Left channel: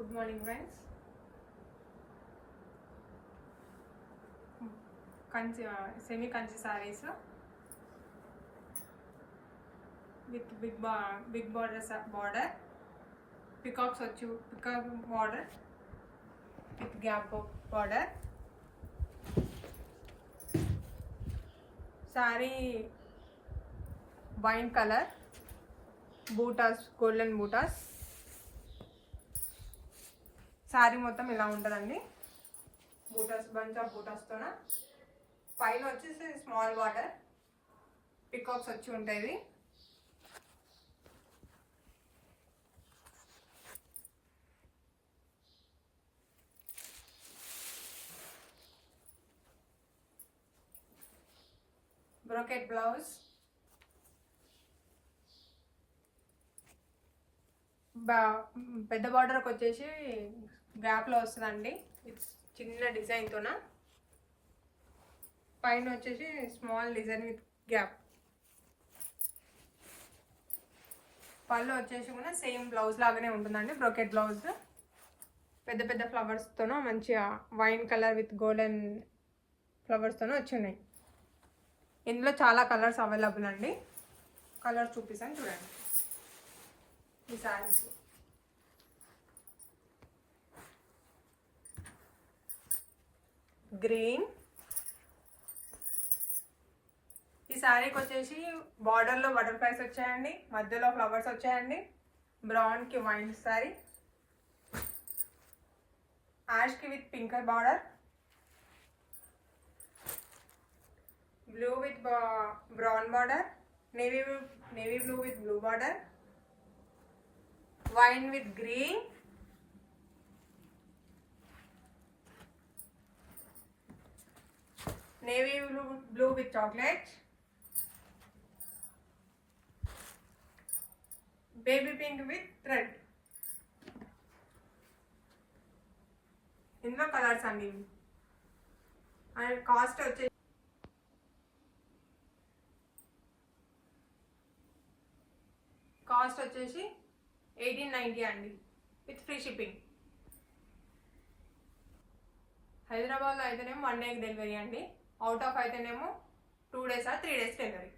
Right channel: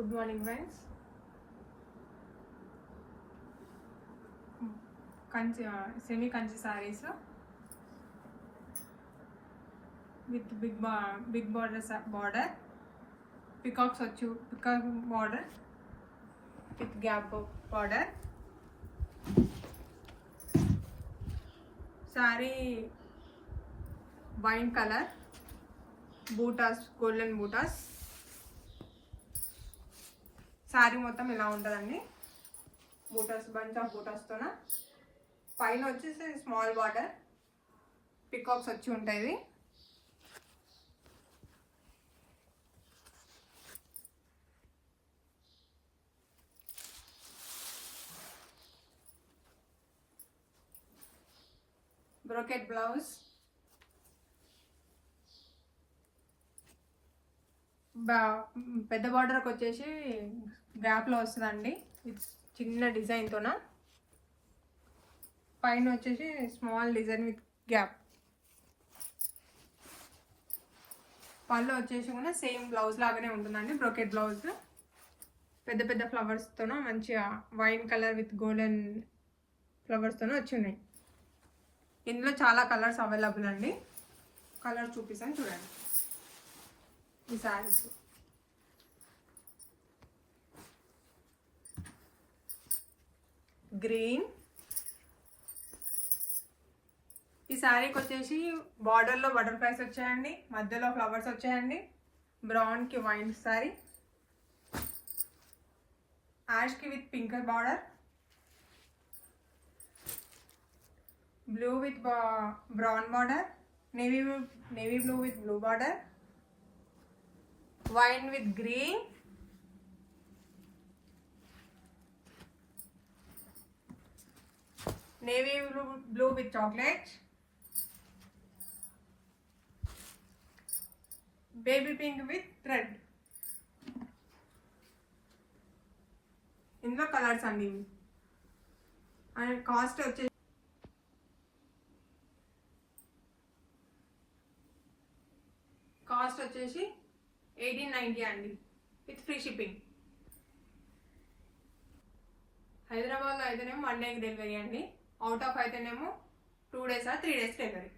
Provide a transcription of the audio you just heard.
Good morning, friends. Semi kanchi sarees with big border, peacock border with gap border. Saree wine color, bootas, golden bootas. Sorry మొత్తం ఇలా ఉంటుందండి. Buttas bunch of బూటాస్తోన పైన వచ్చేసి small border peacocks వచ్చి ఉంటాయి. Brocade blouse, పెద్ద బార్డర్కి వచ్చేసి గ్యాప్లో వస్తుందండి. చిన్న డిజైన్తోన పైన వచ్చేసి స్మాల్ డిజైన్ విత్ గ్యాప్. పళ్ళు వచ్చేసి కూడా సేమ్ బ్లౌజ్ లాగానే ఉంటుందండి. బ్రోకెట్ బ్లౌజ్ పెద్ద పెద్ద ఫ్లవర్స్తోన మంచిగా వైన్ కలర్ విత్ గోల్డెన్ ఫ్లవర్స్తోన వచ్చినాయి. ఇందులో చాలా కలర్స్ అవైలబుల్ అండి. కలర్స్ చూపిస్తాను చూడండి. ఈ సారీస్ గ్రీన్, ఈ శారీకి వచ్చేసి బార్డర్లో బటర్ఫ్లైస్ వచ్చాయండి, మధ్యలో ఫ్లవర్స్ వచ్చాయండి. బ్రౌన్కి వైన్ శారీ, యాష్కి with pink border, blue with brown border, navy blue with blue border, wine with green, navy blue with chocolate, baby pink with thread. ఇందులో కలర్స్ అండి. అండ్ కాస్ట్ వచ్చేసి $1890 అండి విత్ ఫ్రీ షిప్పింగ్. హైదరాబాద్లో అయితేనేమో 1 day delivery అండి. Out of అయితేనేమో 2 days or 3 days delivery.